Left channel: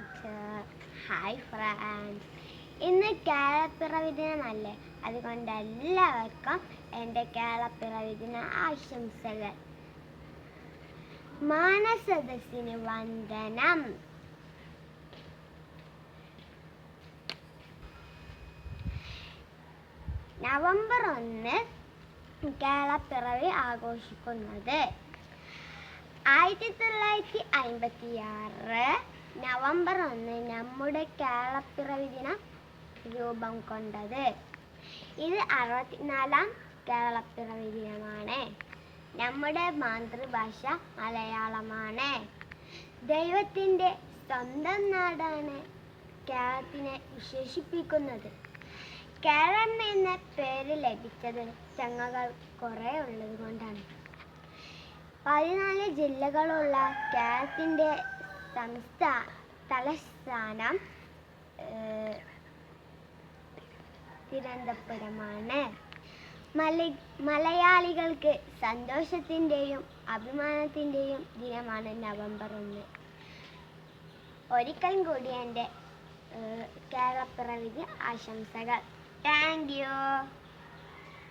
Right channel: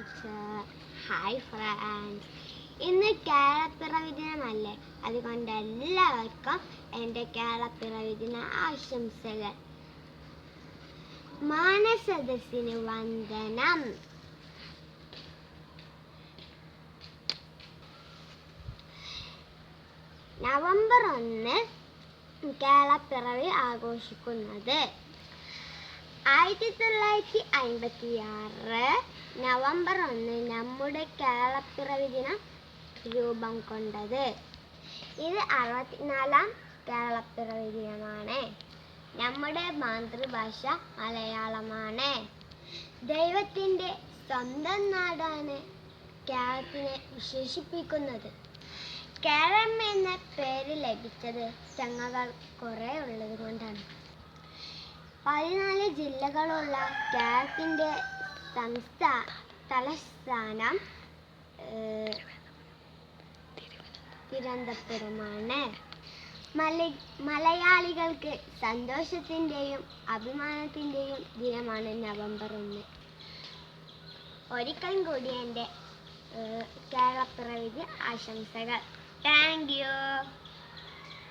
Teacher. Hi friends. ഇന്ന് കേരളപ്പിറവി ദിനമല്ലേ, അതുകൊണ്ട് എല്ലാവർക്കും എൻ്റെ കേരളപ്പിറവി ദിന ആശംസകൾ. മാനസദസ്സിന് വന്ദനം. നവംബർ 1 കേരളപ്പിറവി ആഘോഷിക്കുന്നത് 1956 നവംബർ 1 നമ്മുടെ കേരളപ്പിറവി ദിനം രൂപം കൊണ്ടത്. ഇത് 64ാം കേരളപ്പിറവി ദിനമാണ്. നമ്മുടെ മാതൃഭാഷ മലയാളമാണ്. ദൈവത്തിൻ്റെ സ്വന്തം നാടാണ് കേരളത്തിനെ വിശേഷിപ്പിക്കുന്നത്. കേരളം എന്ന പേര് ലഭിച്ചത് ചങ്ങകൾ കുറേ ഉള്ളത് കൊണ്ടാണ്. 14 ജില്ലകളുള്ള കേരളത്തിൻ്റെ തലസ്ഥാനം തിരുവനന്തപുരമാണ്. മലയാളികൾക്ക് സന്തോഷത്തിൻ്റെയും അഭിമാനത്തിൻ്റെയും ദിനമാണ് നവംബർ 1. ഒരിക്കൽ കൂടി എൻ്റെ കേരളപ്പിറവി ആശംസകൾ. Thank you.